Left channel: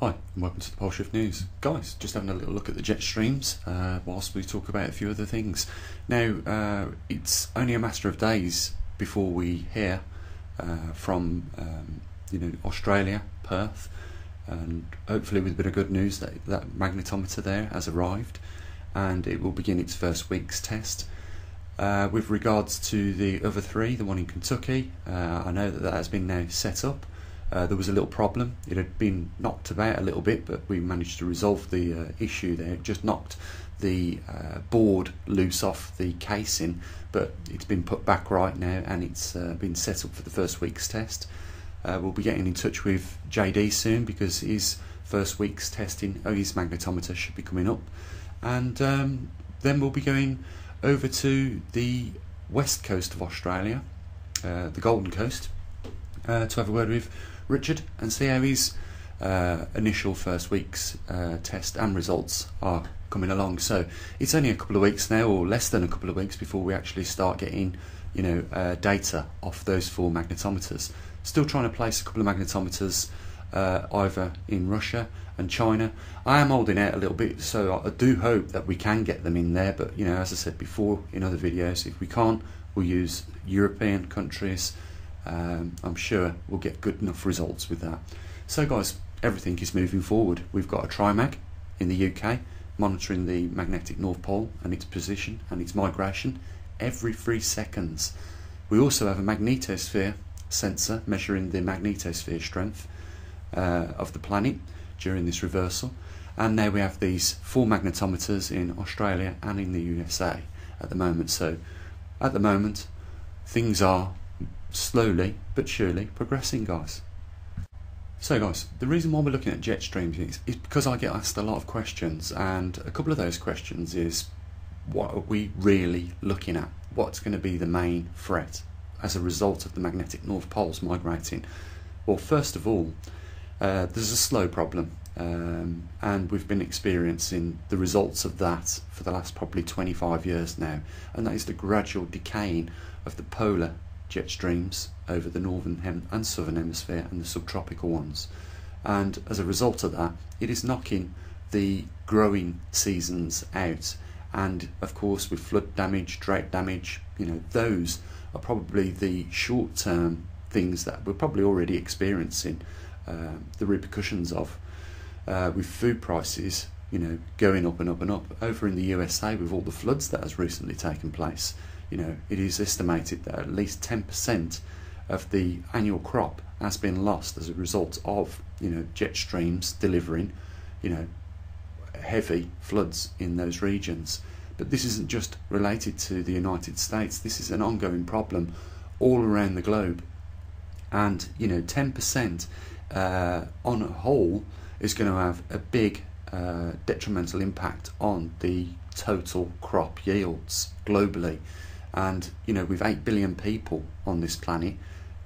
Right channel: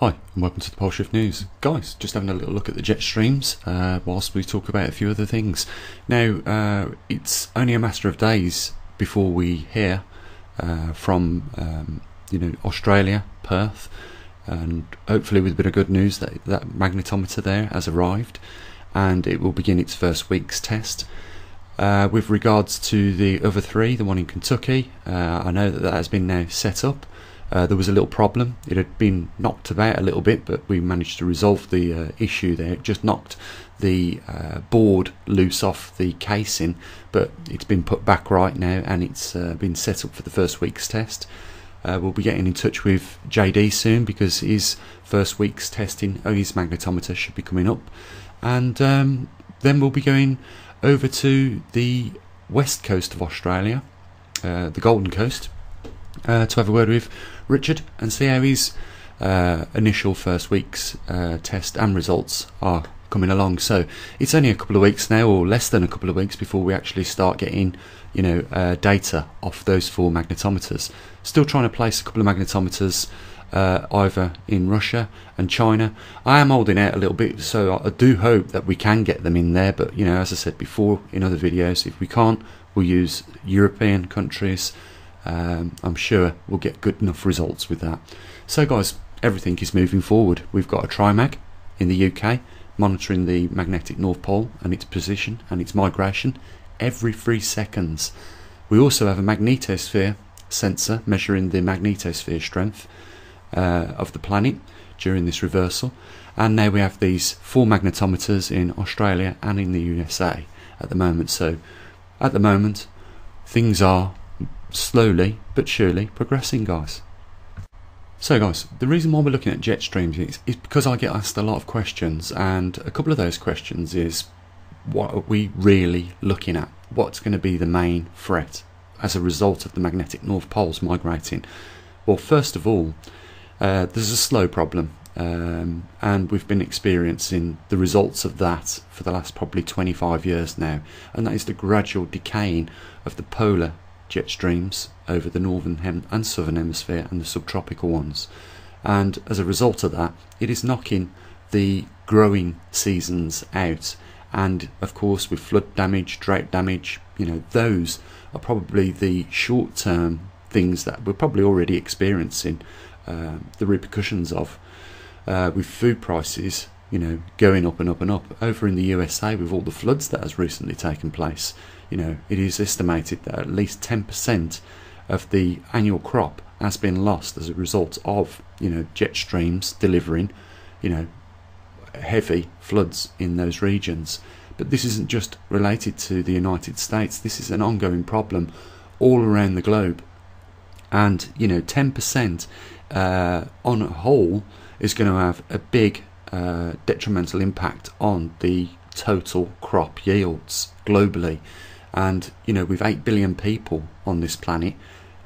Hi and welcome to the Pole Shift News. Guys, just having a little look at the jet streams whilst we talk about a few other things. Now, it's only a matter of days before we hear from Australia, Perth, and hopefully with a bit of good news that magnetometer there has arrived and it will begin its first week's test. With regards to the other three, the one in Kentucky, I know that has been now set up. There was a little problem. It had been knocked about a little bit, but we managed to resolve the issue there. It just knocked the board loose off the casing, but it's been put back right now and it's been set up for the first week's test. We'll be getting in touch with JD soon because his first week's testing of his magnetometer should be coming up, and then we'll be going over to the west coast of Australia, the Golden Coast, to have a word with Richard and see how his initial first week's test and results are coming along. So it's only a couple of weeks now, or less than a couple of weeks, before we actually start getting data off those four magnetometers. Still trying to place a couple of magnetometers either in Russia and China. I am holding out a little bit, so I do hope that we can get them in there, but as I said before in other videos, if we can't, we'll use European countries. I'm sure we'll get good enough results with that. So guys, everything is moving forward. We've got a trimag in the UK monitoring the magnetic North Pole and its position and its migration every 3 seconds. We also have a magnetosphere sensor measuring the magnetosphere strength of the planet during this reversal, and now we have these 4 magnetometers in Australia and in the USA at the moment. So at the moment things are slowly but surely progressing, guys. So guys, the reason why we're looking at jet streams is because I get asked a lot of questions, and a couple of those questions is, what are we really looking at? What's going to be the main threat as a result of the magnetic North Poles migrating? Well, first of all, there's a slow problem, and we've been experiencing the results of that for the last probably 25 years now, and that is the gradual decaying of the polar jet streams over the northern and southern hemisphere and the subtropical ones, and as a result of that, it is knocking the growing seasons out. And of course, with flood damage, drought damage, those are probably the short-term things that we're probably already experiencing the repercussions of, with food prices going up and up and up. Over in the USA, with all the floods that has recently taken place, it is estimated that at least 10% of the annual crop has been lost as a result of jet streams delivering heavy floods in those regions. But this isn't just related to the United States. This is an ongoing problem all around the globe, and 10% on a whole is going to have a big detrimental impact on the total crop yields globally. And with 8 billion people on this planet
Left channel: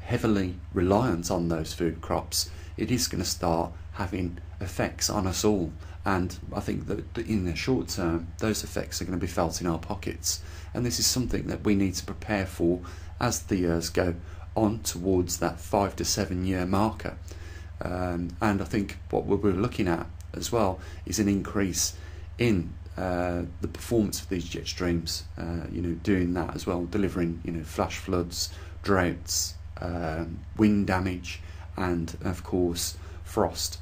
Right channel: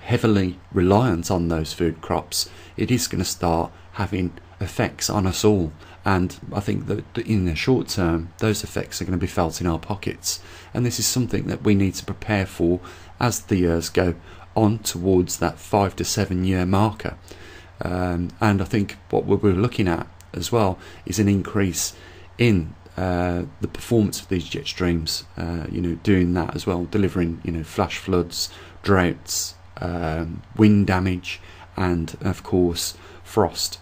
heavily reliant on those food crops, it is going to start having effects on us all. And I think that in the short term, those effects are going to be felt in our pockets, and this is something that we need to prepare for as the years go on towards that 5 to 7 year marker. And I think what we're looking at as well is an increase in the performance of these jet streams, doing that as well, delivering flash floods, droughts, wind damage, and of course frost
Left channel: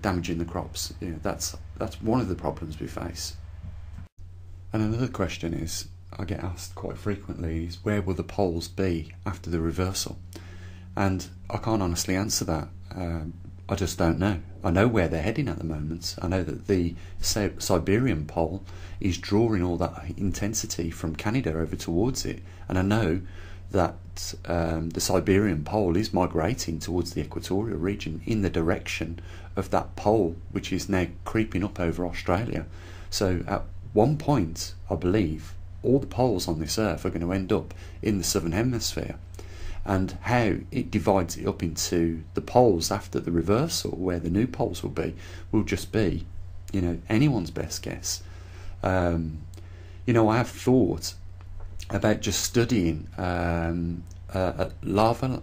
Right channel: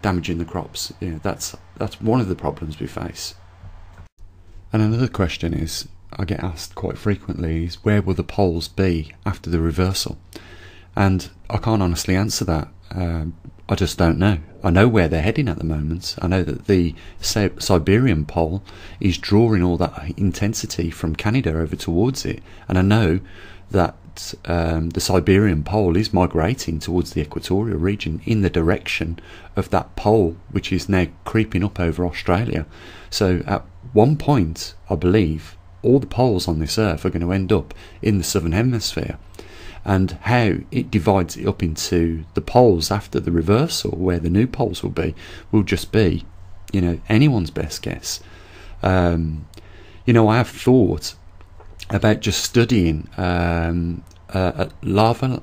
damaging the crops. That's one of the problems we face. And another question is, I get asked quite frequently, is where will the poles be after the reversal? And I can't honestly answer that. I just don't know. I know where they're heading at the moment. I know that the Siberian pole is drawing all that intensity from Canada over towards it, and I know that the Siberian pole is migrating towards the equatorial region in the direction of that pole, which is now creeping up over Australia. So at one point, I believe, all the poles on this earth are going to end up in the southern hemisphere. And how it divides it up into the poles after the reversal, where the new poles will just be, anyone's best guess. I have thought about just studying lava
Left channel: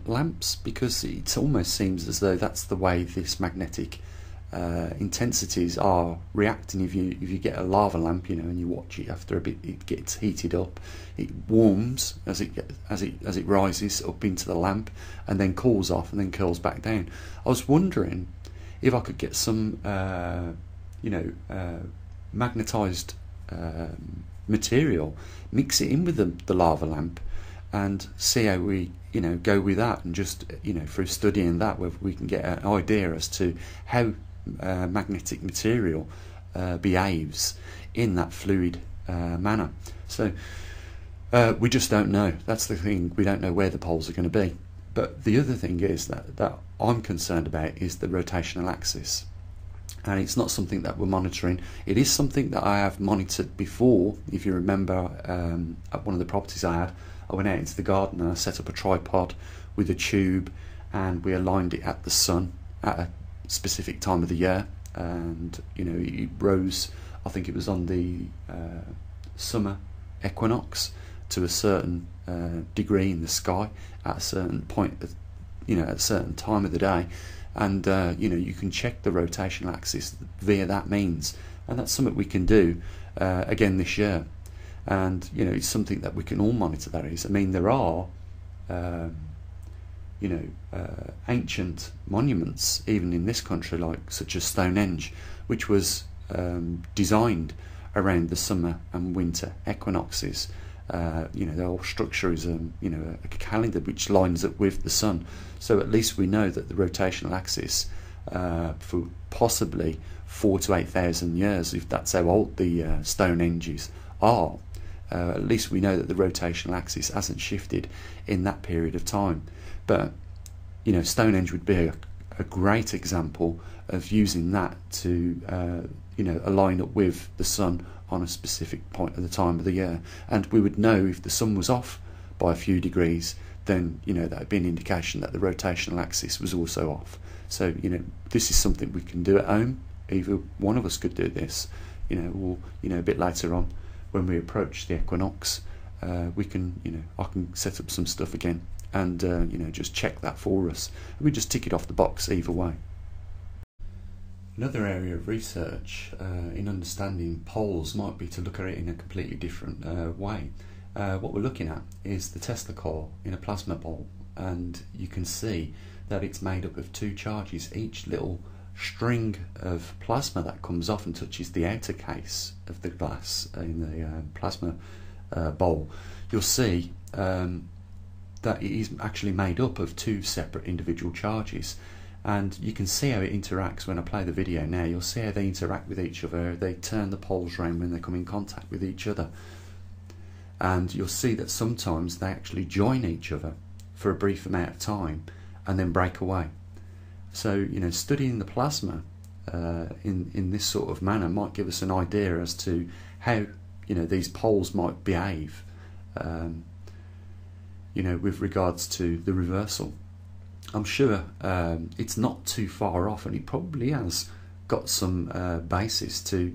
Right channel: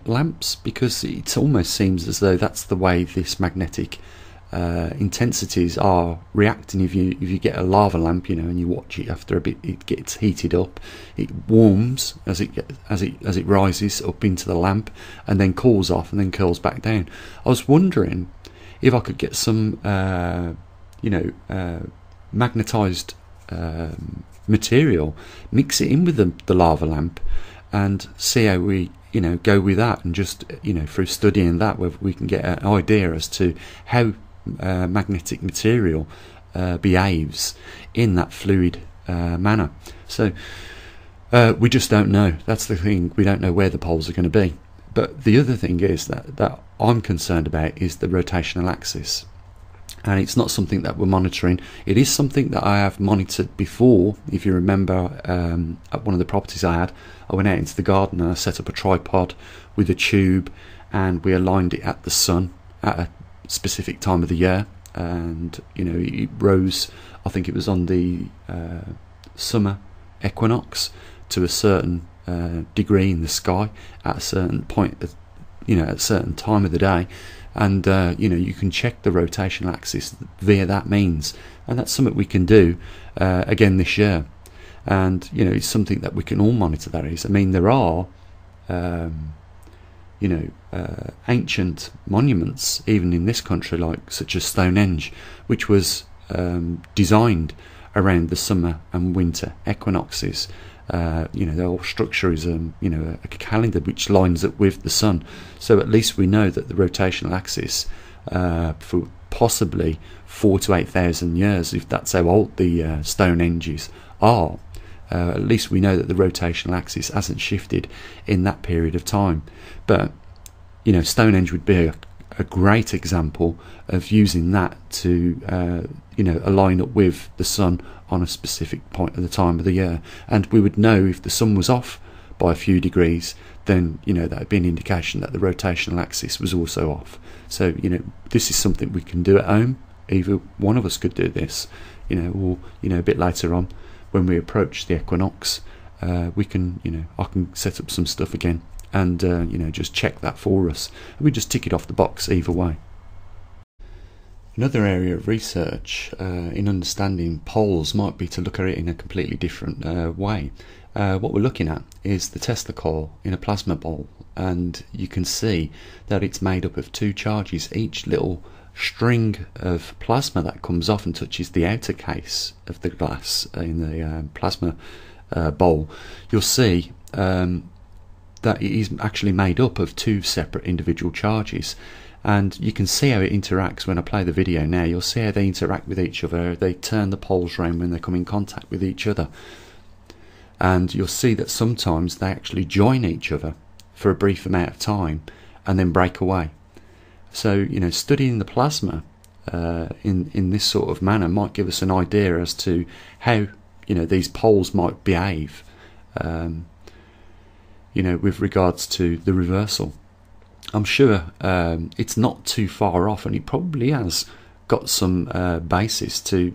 lamps, because it almost seems as though that's the way this magnetic intensities are reacting. If you get a lava lamp, and you watch it, after a bit it gets heated up, it warms as it rises up into the lamp, and then cools off and then curls back down. I was wondering if I could get some magnetized material, mix it in with the lava lamp, and see how we go with that, and just through studying that, whether we can get an idea as to how magnetic material behaves in that fluid manner. So we just don't know. That's the thing, we don't know where the poles are going to be. But the other thing is that I'm concerned about is the rotational axis, and it's not something that we're monitoring. It is something that I have monitored before. If you remember, at one of the properties I had, I went out into the garden and I set up a tripod with a tube, and we aligned it at the sun at a specific time of the year, and it rose, I think it was on the summer equinox, to a certain degree in the sky at a certain point, at a certain time of the day, and you can check the rotational axis via that means, and that's something we can do again this year. And it's something that we can all monitor. That is, I mean, there are ancient monuments even in this country, like such as Stonehenge, which was designed around the summer and winter equinoxes. The whole structure is a calendar which lines up with the sun, so at least we know that the rotational axis for possibly 4,000 to 8,000 years, if that's how old the Stonehenges are, at least we know that the rotational axis hasn't shifted in that period of time. But Stonehenge would be a great example of using that to align up with the sun on a specific point at the time of the year, and we would know if the sun was off by a few degrees, then that would be an indication that the rotational axis was also off. So this is something we can do at home. Either one of us could do this, or a bit later on when we approach the equinox, we can I can set up some stuff again and just check that for us, and we just tick it off the box either way. Another area of research in understanding poles might be to look at it in a completely different way. What we're looking at is the Tesla coil in a plasma bowl, and you can see that it's made up of two charges. Each little string of plasma that comes off and touches the outer case of the glass in the plasma bowl, you'll see that it is actually made up of two separate individual charges. And you can see how it interacts. When I play the video now, you'll see how they interact with each other. They turn the poles round when they come in contact with each other, and you'll see that sometimes they actually join each other for a brief amount of time and then break away. So studying the plasma in this sort of manner might give us an idea as to how these poles might behave with regards to the reversal. I'm sure it's not too far off, and it probably has got some basis to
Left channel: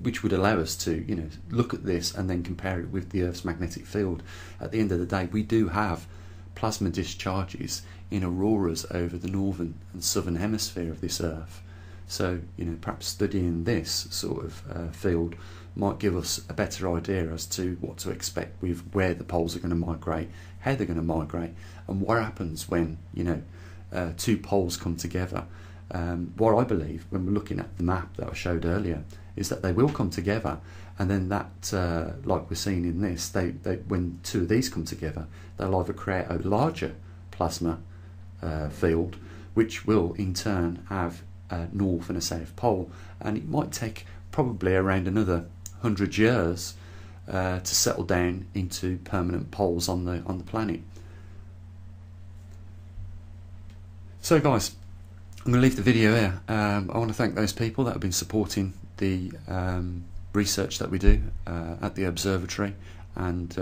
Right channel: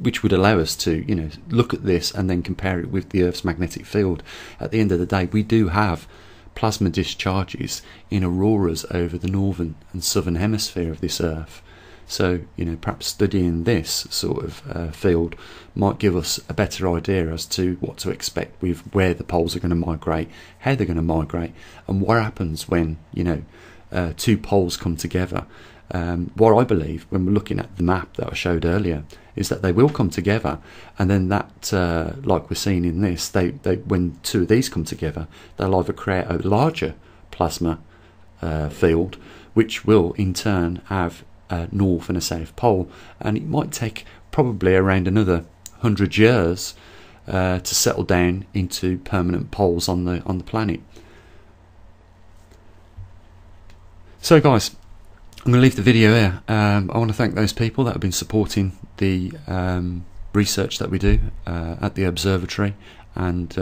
which would allow us to look at this and then compare it with the Earth's magnetic field. At the end of the day, we do have plasma discharges in auroras over the northern and southern hemisphere of this Earth. So perhaps studying this sort of field might give us a better idea as to what to expect with where the poles are going to migrate, how they're going to migrate, and what happens when two poles come together. What I believe, when we're looking at the map that I showed earlier, is that they will come together, and then that, like we're seeing in this, they when two of these come together, they'll either create a larger plasma field, which will in turn have a north and a south pole, and it might take probably around another 100 years to settle down into permanent poles on the planet. So guys, I'm going to leave the video here. I want to thank those people that have been supporting the research that we do at the observatory, and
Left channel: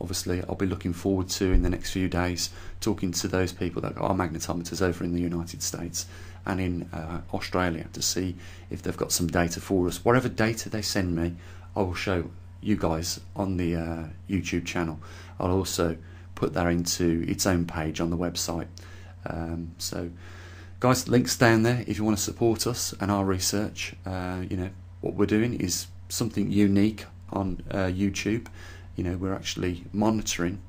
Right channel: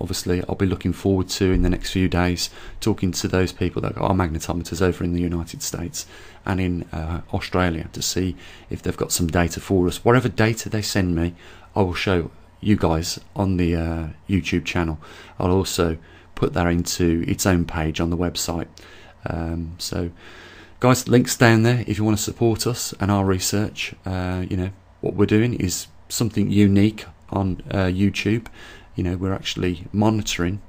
obviously I'll be looking forward to, in the next few days, talking to those people that are magnetometers over in the United States and in Australia to see if they've got some data for us. Whatever data they send me, I will show you guys on the YouTube channel. I'll also put that into its own page on the website. So Guys, links down there if you want to support us and our research. You know, what we're doing is something unique on YouTube. You know, we're actually monitoring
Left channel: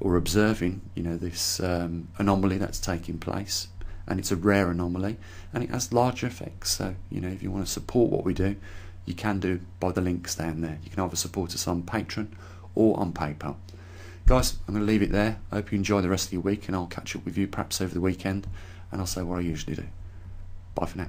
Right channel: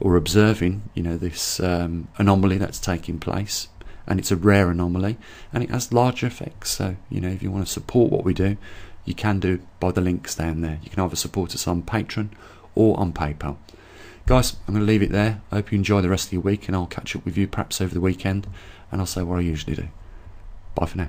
or observing, you know, this anomaly that's taking place, and it's a rare anomaly and it has large effects. So, you know, if you want to support what we do, you can do by the links down there. You can either support us on Patreon or on PayPal. Guys, I'm going to leave it there. I hope you enjoy the rest of your week, and I'll catch up with you perhaps over the weekend, and I'll say what I usually do. Bye for now.